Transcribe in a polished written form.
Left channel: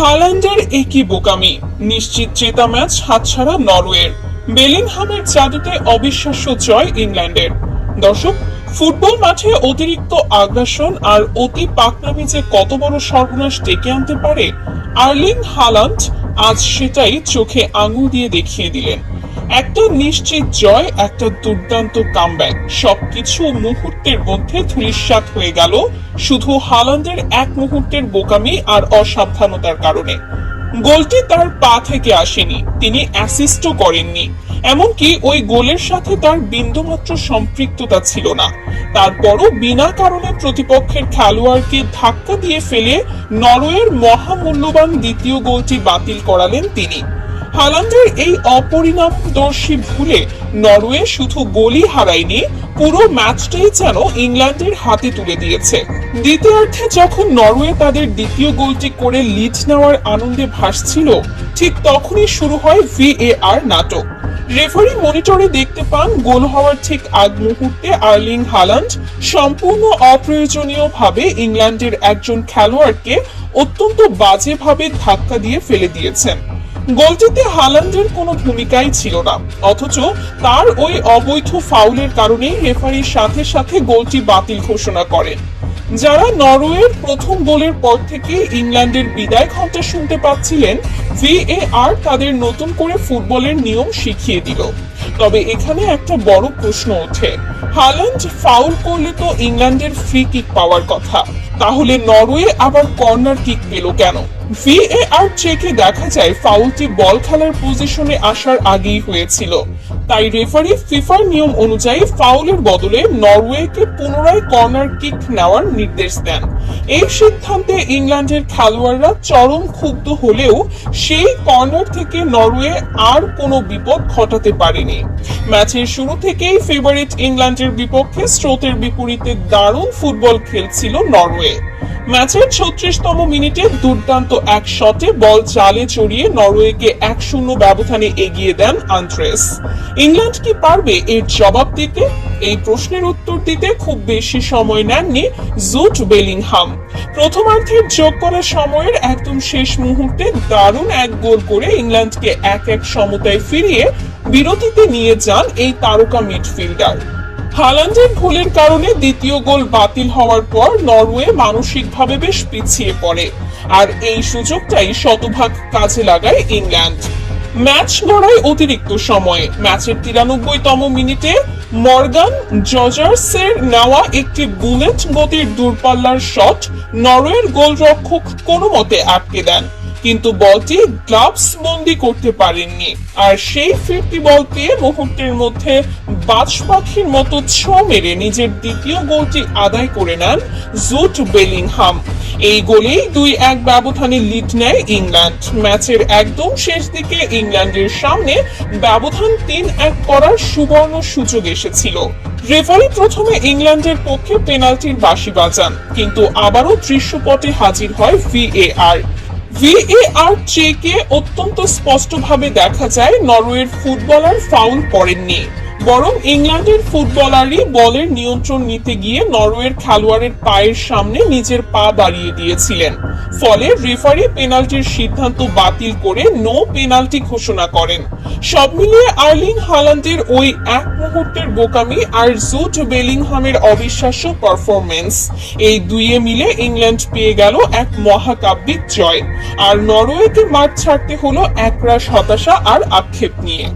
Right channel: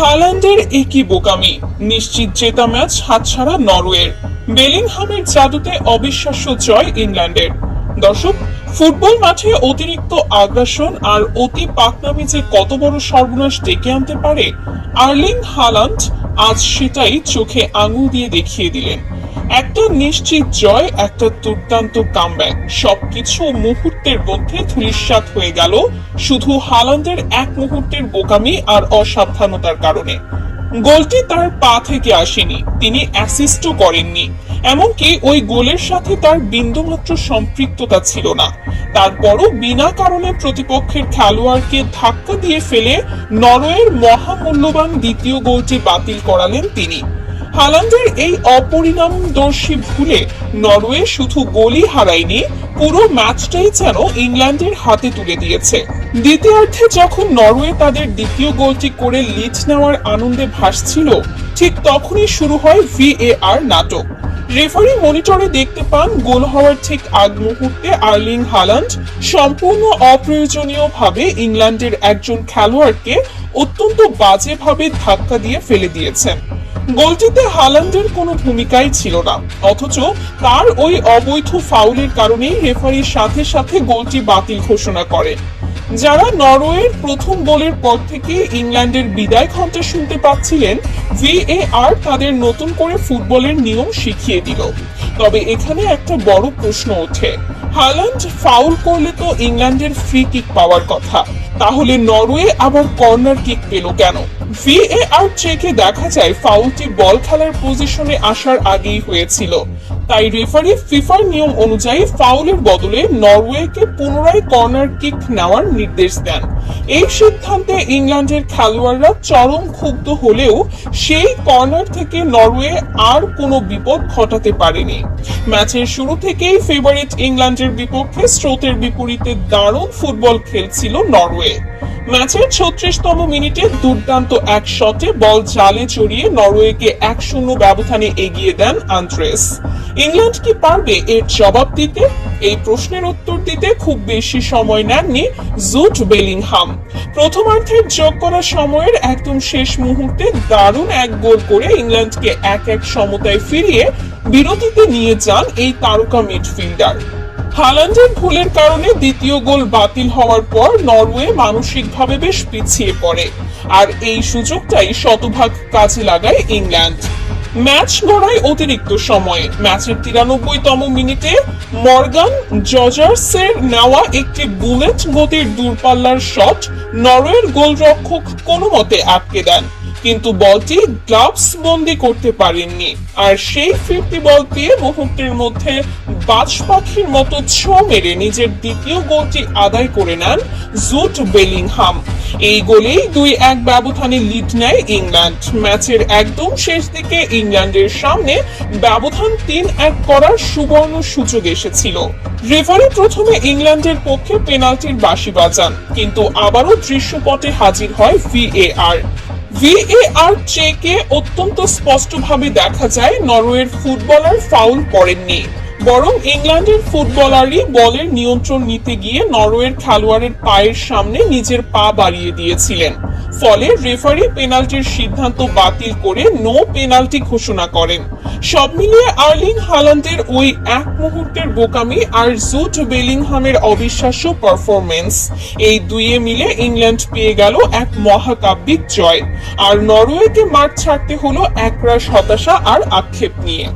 হাল্যান্ডের একই বোকামি, নিশ্চিত জেতা ম্যাচ হাতছাড়া নরওয়ের। বেলিংহামের জাদুতে অবিশ্বাস্য জয় ইংল্যান্ডের। দর্শক, ফুটবল মাঠে অতিরিক্ত আগ্রাসন আর অতি পাকনামি যে কত বড় সর্বনাশ ডেকে আনতে পারে, আর্লিং হাল্যান্ড আজ সেটাই চোখে আঙুল দিয়ে দেখিয়ে দিলেন। একটা নিশ্চিত জয়, একটা দুর্দান্ত কামব্যাক, সবকিছু মুহূর্তের মধ্যে ধূলিসাৎ হয়ে গেল শুধু হাল্যান্ডের এক মুহূর্তের বোকামি আর অসাবধানতার কারণে। গোলটি তার পা থেকে আসেনি, তিনি অ্যাসিস্টও করেননি, এমনকি ওই গোলের সাথে তার বিন্দুমাত্র সম্পৃক্ততা ছিল না। তারপরও বিনা কারণে প্রতিপক্ষের খেলোয়াড়কে ধাক্কা দিয়ে ফেলে নরওয়ের মহামূল্যবান দ্বিতীয় গোলটি বাতিল করালেন তিনি। হাল্যান্ডের এই অপরিণামদর্শী ভুলে নরওয়ে শুধু গোলই হারায়নি, পুরো ম্যাচটাই যেন ইংল্যান্ডের হাতে তুলে দিয়েছে। দ্বিতীয়ার্ধে যখন নরওয়ে তাদের দ্বিতীয় গোলটি করে লিড নেওয়ার আনন্দে ভাসছিল, ঠিক তখনই শুরু হয় ভিএআর নাটক। রেফারি মনিটরে দেখতে পান গোল হওয়ার ঠিক আগ মুহূর্তে আর্লিং হাল্যান্ড সম্পূর্ণ অপ্রয়োজনীয়ভাবে ইংল্যান্ডের একজন খেলোয়াড়কে অত্যন্ত বাজেভাবে ধাক্কা দিয়ে ফেলে দিয়েছেন। গোলটিতে হাল্যান্ডের কোনো ভূমিকাই ছিল না, অথচ তার ওই অবৈধ ফাউলের কারণে রেফারির সাথে সাথে গোলটি বাতিল ঘোষণা করেন। যারা নরওয়ের প্রথম গোলের পর থেকে ইংল্যান্ডের বিদায় ঘণ্টা শুনতে পাচ্ছিলেন, ভিএআর তাদের নতুন করে ফুটবলের নিয়ম শিখিয়ে দিল। তবে এখানে একটা বড় প্রশ্ন ওঠে, হাল্যান্ড ফাউল করলে তো ইংল্যান্ডের ফ্রি কিক পাওয়ার কথা, তাহলে নরওয়ে আবার কর্নার কিক পেল কেন? ভিএআর চেকে দেখা যায় ফাউলটি বল খেলার পজিশনে আসার আগেই হয়েছিল, তাই রেফারি ফিফার নিয়ম অনুযায়ী ফাউলের বদলে নরওয়েকে পুনরায় কর্নার কিক নেওয়ার নির্দেশ দেন। এই সিদ্ধান্তে ইংল্যান্ডের খেলোয়াড়রা চরম ক্ষুব্ধ হলেও সেই কর্নার থেকে নরওয়ে আর কোনো বিপদ ঘটাতে পারেনি। ম্যাচের শুরু থেকেই ফেভারিট ইংল্যান্ডের বিপক্ষে স্রোতের বিপরীতে দারুণ ফুটবল খেলছিল নরওয়ে। ম্যাচের ৩৬তম মিনিটে দুর্দান্ত এক শটে বল জালে চড়িয়ে নরওয়েকে ১-০ ব্যবধানে এগিয়ে দেন আন্দ্রেস। ইংল্যান্ড কি পারবে এর জবাব দিতে? এই প্রশ্নের উত্তর দিতে খুব বেশি সময় নেননি জুট বেলিংহাম। প্রথমার্ধের যোগ করা সময়ের একদম শেষ মুহূর্তে দারুণ এক গোল করে ইংল্যান্ডকে ১-১ সমতায় ফিরিয়ে বিরতিতে নিয়ে যান এই তারকা মিডফিল্ডার। হাল্যান্ডের ভুলের কারণে দ্বিতীয় গোল বাতিল হওয়ার পর নরওয়ে মানসিকভাবে বেশ পিছিয়ে পড়ে, আর এই সুযোগটাই শতভাগ কাজে লাগায় ইংল্যান্ড। ম্যাচ গড়ায় অতিরিক্ত সময়ে। ম্যাচের ৯৩তম মিনিটে মর্গান জজার্সের নেওয়া একটি বুলেট গতির দূরপাল্লার শট নরওয়ের গোলরক্ষক কোনো মতে আটকে দেন, কিন্তু বলটি গ্লাভস বন্দি করতে পারেননি। আর সেই ফিরতি বল পেয়ে মুহূর্তের মধ্যে বাজ পাখির মতো ছোঁ মেরে নিজের দ্বিতীয় গোলটি আদায় করে নেন জুট বেলিংহাম। এই গোলেই ২-১ ব্যবধানে লিড নেয় ইংল্যান্ড। ম্যাচের একদম শেষ দিকে ইংল্যান্ডের সামনে ব্যবধান ৩-১ করার সুবর্ণ সুযোগ এসেছিল। রেফারি প্রথমে ইংল্যান্ডের পক্ষে পেনাল্টির বাঁশি বাজান, কিন্তু আবারও দৃশ্যপটে হাজির হয় ভিএআর। ভিএআর চেকে অত্যন্ত স্পষ্টভাবে দেখা যায় নরওয়ের ফুটবলার ফাউল করেননি, বরং ইংল্যান্ডের ফুটবলারই বলের নিয়ন্ত্রণ নিতে গিয়ে নরওয়ের খেলোয়াড়ের পায়ের সামনে নিজের পা বাড়িয়ে দিয়েছিলেন। ফলে রেফারি পেনাল্টির সিদ্ধান্ত বাতিল করে নো পেনাল্টি ঘোষণা করেন। সব মিলিয়ে আর্লিং হাল্যান্ডের ওই এক মুহূর্তের বোকামি আর জুট বেলিংহামের অবিশ্বাস্য পারফরমেন্স, এই দুইয়ে মিলে ইংল্যান্ড পেয়ে গেল এক মহাকাব্যিক জয়, আর নরওয়েকে মাঠ ছাড়তে হলো একরাশ হতাশা আর আক্ষেপ নিয়ে।